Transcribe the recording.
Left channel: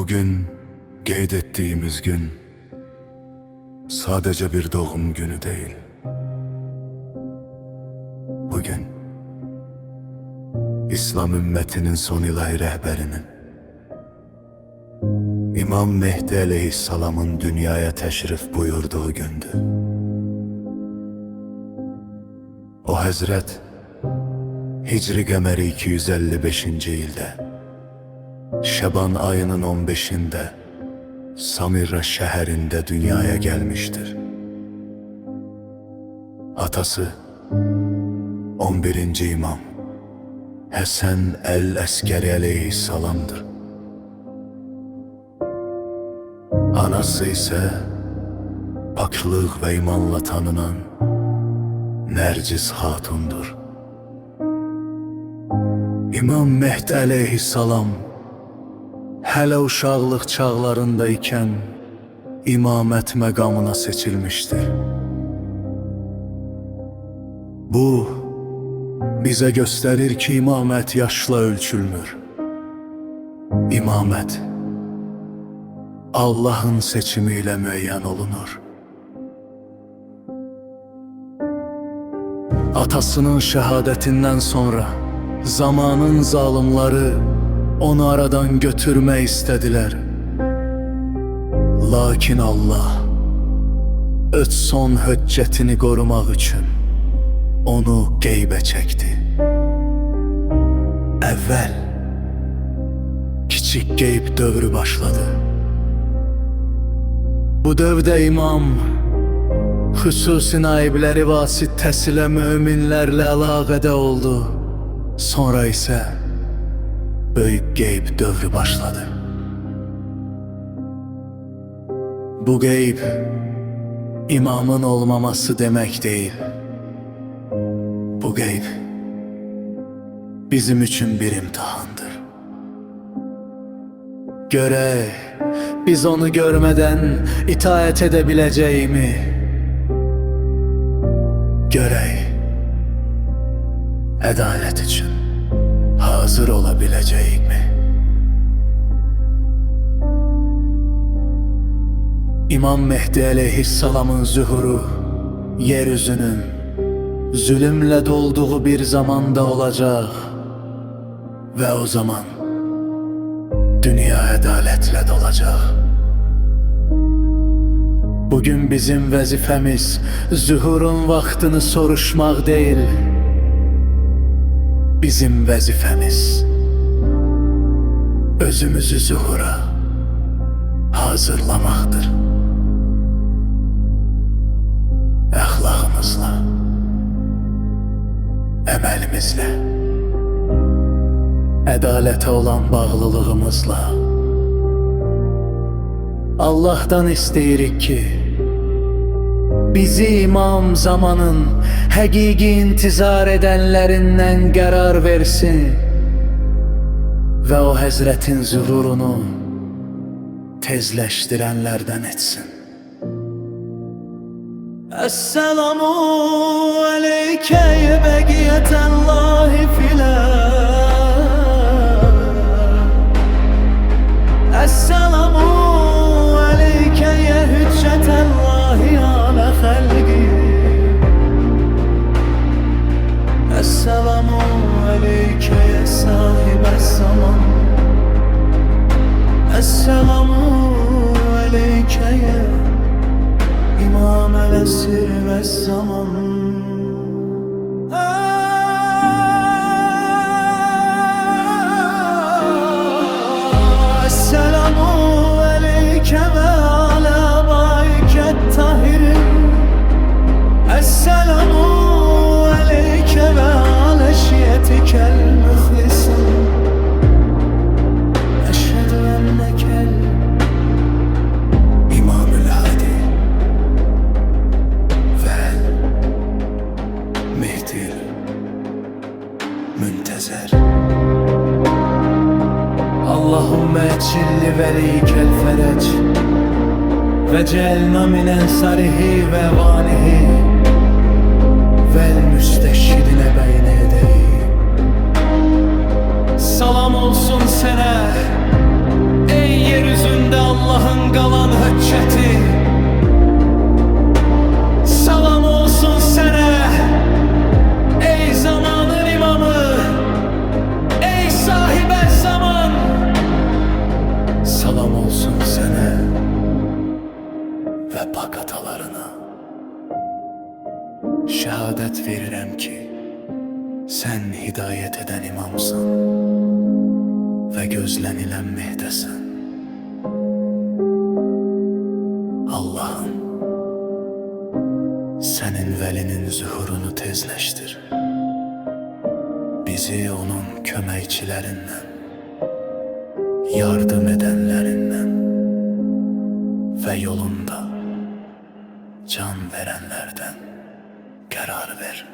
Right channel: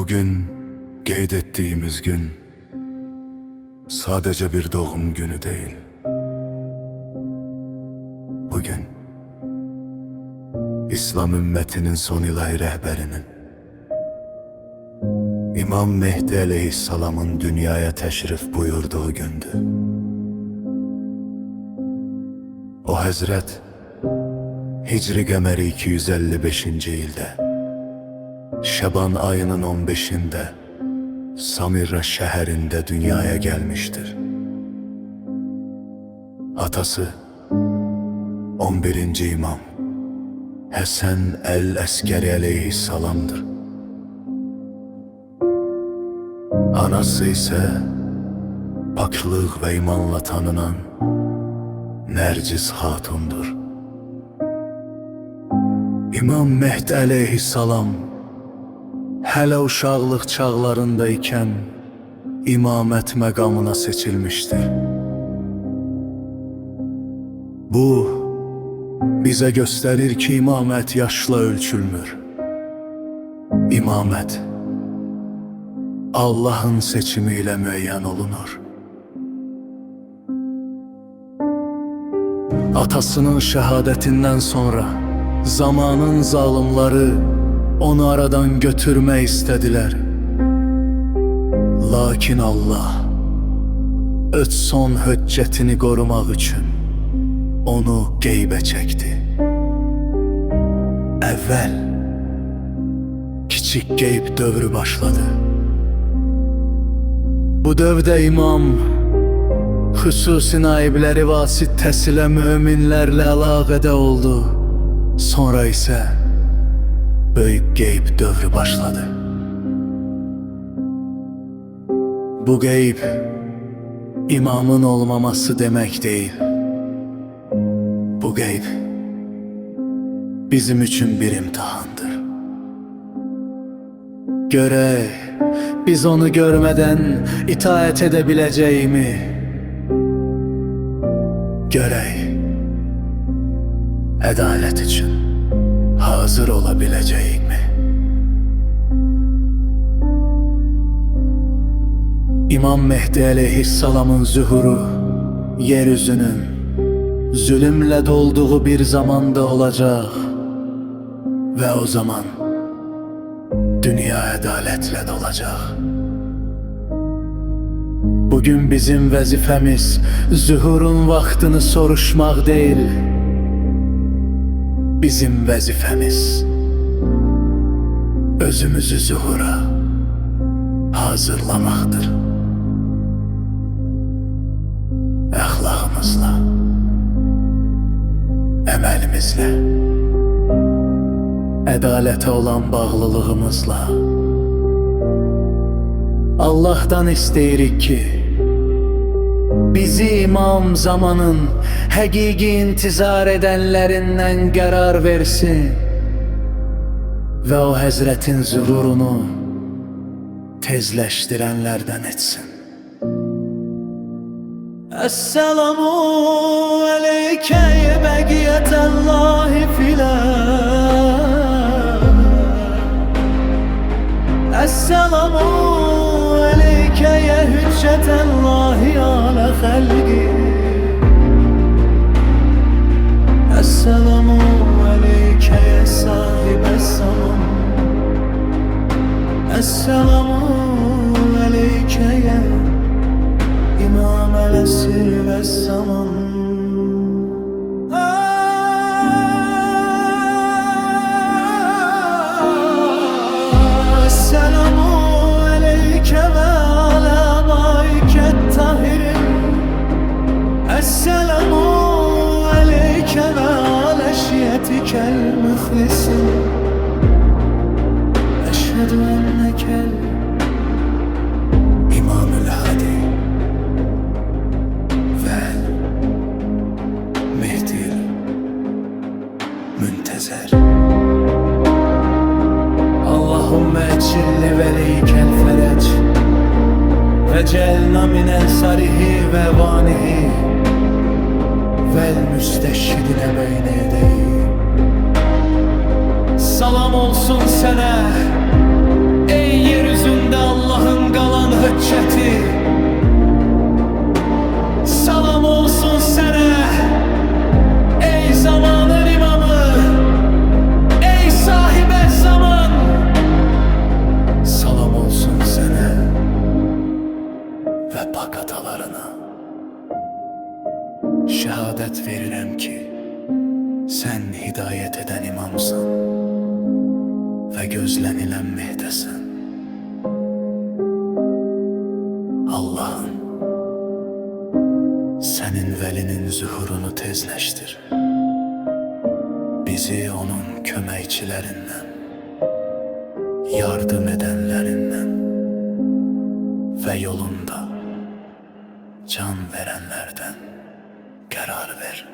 Bugün qeyd etdiyimiz gün sadece bir doğum günü değil. Bugün İslam ümmetinin son ilahi rehberinin İmam Mehdi aleyhisselamın dünyaya teşrif buyurduğu gündü. O Hazret Hicri Qəməri 255. ildə Şaban ayının 15'inde Samirra şehirinde dünyaya gelmiştir. Atası 11. İmam Həsən el-Əskəri aleyhisselamdır. Anası ise paklıq ve imanla tanınan Nərcis Hatundur. İmam Mehdi aleyhisselam hələ uşaqlıq çağlarında ikən imamət məqamına seçilmişdir. Bu, bizə göstərir ki, imamət yaşla ölçülmür. İmamət, Allah'ın seçimi ilə müəyyən olunur. Atasının şəhadətindən sonra zamanın zalimleri onu aradan götürme istediler. Lakin Allah öz son hüccetini korumak için onu qeybə çekti. Evvel kiçik qeyb dövrü başladı. Bu dövrdə imam xüsusi naibləri vasitəsilə müminlərlə əlaqədə oldu. Sonra ise böyük qeyb dövrü başladı. Bu qeyb imamın olmaması demek değil. Bu qeyb bizim için bir imtihandır. Görək, biz onu görmeden itaat edebileceğimi. Görək, adalet için hazır olabilecek mi? İmam Mehdi aleyhisselamın zuhuru yeryüzünün zulümle dolduğu bir zamanda olacak ve o zaman dünya adaletle dolacak. Bugün bizim vazifemiz zuhurun vaktini soruşmak değil. Bizim vazifemiz özümüzü zuhura hazırlamaktır. Əxlaqımızla, əməlimizlə, ədalətə olan bağlılığımızla Allah'tan isteyirik ki bizi imam zamanın həqiqi intizar edenlerinden qərar versin ve o Həzretin zuhurunu tezleştirenlerden etsin. Esselamu aleyke beqiyetellahi filan. Esselamu aleyke hüccetellahi ala halqi. Esselamu aleyke ya sahibes zaman. Esselamu aleyke ya İmam el-esir ve zaman. Esselamu aleyke ve ala bayket tahirin. Esselamu aleyke ve ala şiyetikel mühlisin. Eşhedü ennekel İmam-ül Hadi vel Mehdil Müntezer. Allahümme ecilli velikel ferec ve celna min ensarihi ve vanihi vel müsteşhidine beyne yedeyi. Salam olsun sana ey Ey yeryüzünde Allah'ın qalan hücceti, salam olsun sənə. Ey zamanın imamı, ey sahibə zaman, salam olsun sənə və pak atalarına. Şəhadət verirəm ki, sən hidayət edən imamsan və gözlənilən mehdəsən. Allah'ım, sənin vəlinin zühurunu tezləşdir. Bizi onun köməkçilərindən, yardım edənlərindən və yolunda can verənlərdən qərar ver.